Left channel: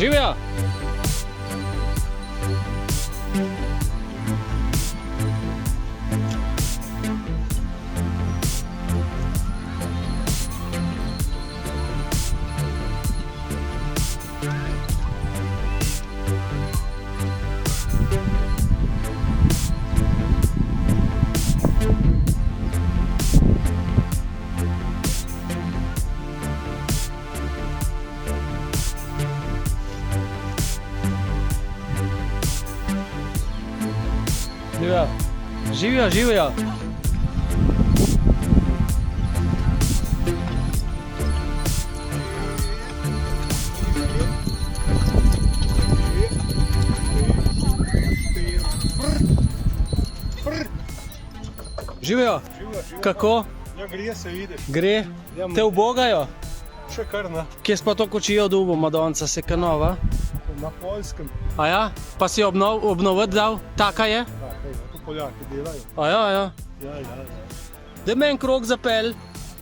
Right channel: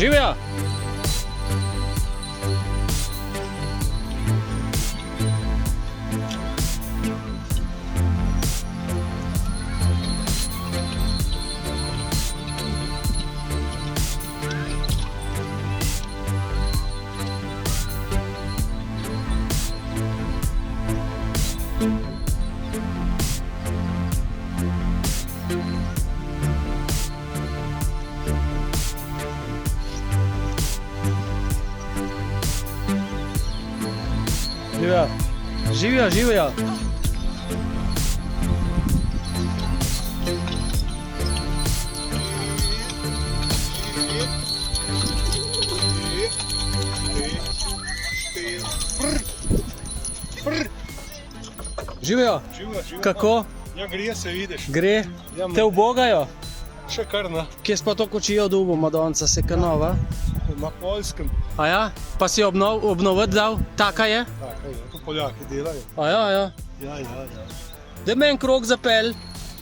Živijo! Živijo! Živijo, živijo! Živijo! Kako? Ja, gre se, vidiš. Gre? Te ubogajo? Še kar na Kje si pa to kočijo dubo, Madonca, se kanova? Poljskem. A ja? Pa si obnoviti dal? Taka je? Tako je, to Poljaki delajo. A ja, ja. Ja. Daj me en krog zapel.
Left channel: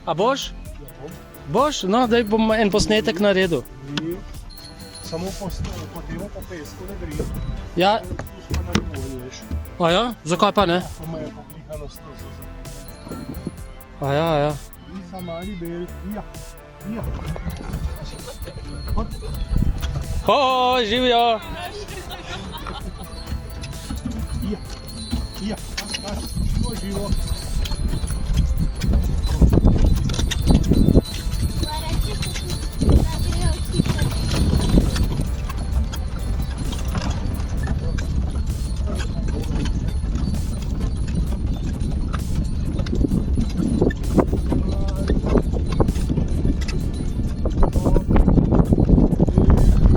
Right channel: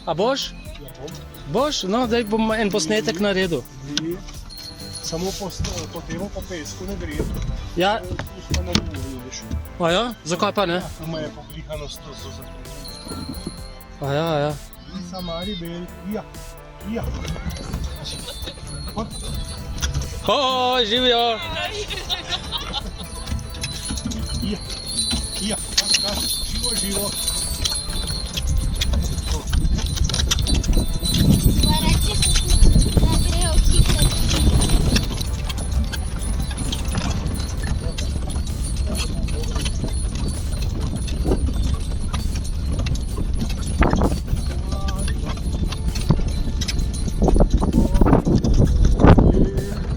A boš? Ja, bom. Boš? No, daj bom en posnetek naredil. Samo po temu pa pesku ne gre. Ja. To ne vidiš. A ja? Zakaj pa ne? Ima je poglihanost to za. A ja, ja. Isa mali bel. Ja. O, živijo! Ja. To živo.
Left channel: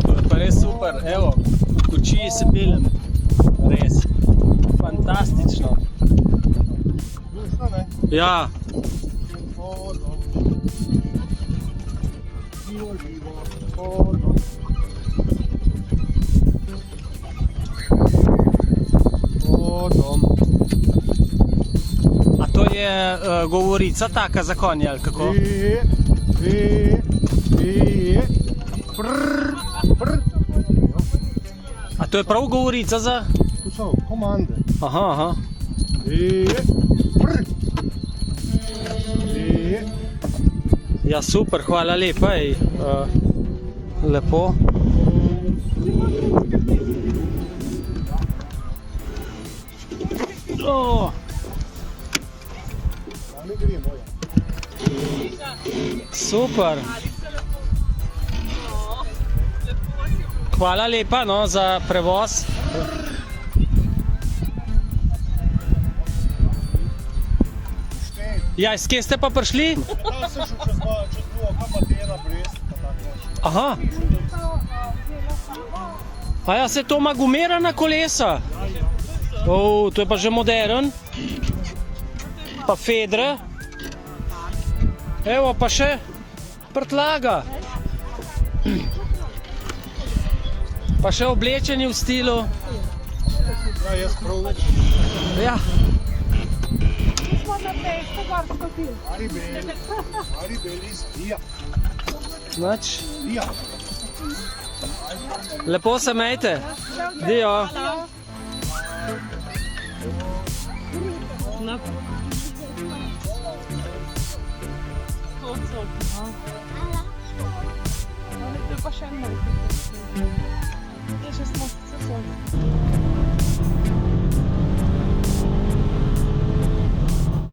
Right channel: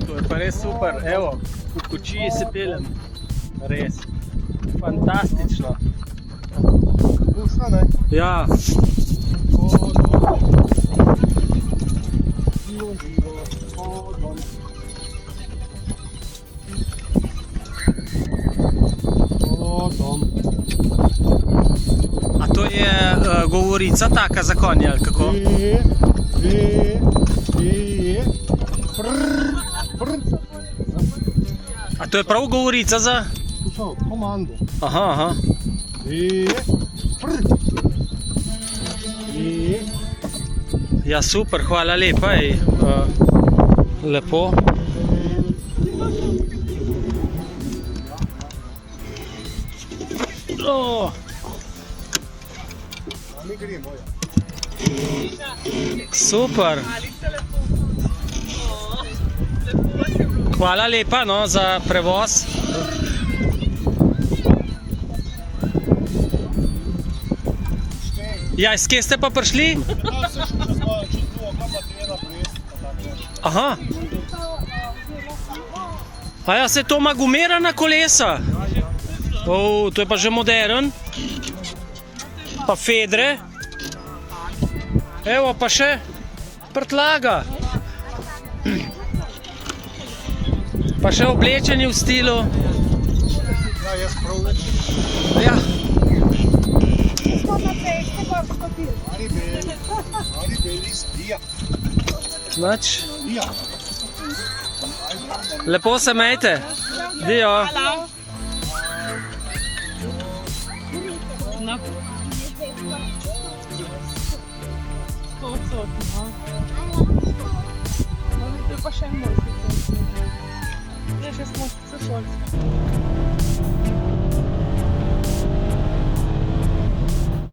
To je pa res super, evo, v kočiji se pelem. Res. Fantastično. Dušno, ne? Ja. Živo. Dom. A to je govorica taka za konje, ali kako? A to je prav govorica za? To so komande. Aha. Ja, super, hvala lepa. Lepo. Oh. Ne gremo, ja. Super. Hvala lepa, no, za prevoz. Ja, iz kje ste pa prišli? Da se še čez dvoga, pa tena Brest, pa tako. Aha. A ja, se to ima gumirana kolesa? O, to je pa že modern. Pa fedre. Evo pa še prtlaga. Pa še oblečeni v stilu. Ja, jaz prav več. Ja. Ali belis, ja. Nič. Ja. Lepo se mejte. Dio. Pa še eno. Ja, že smo se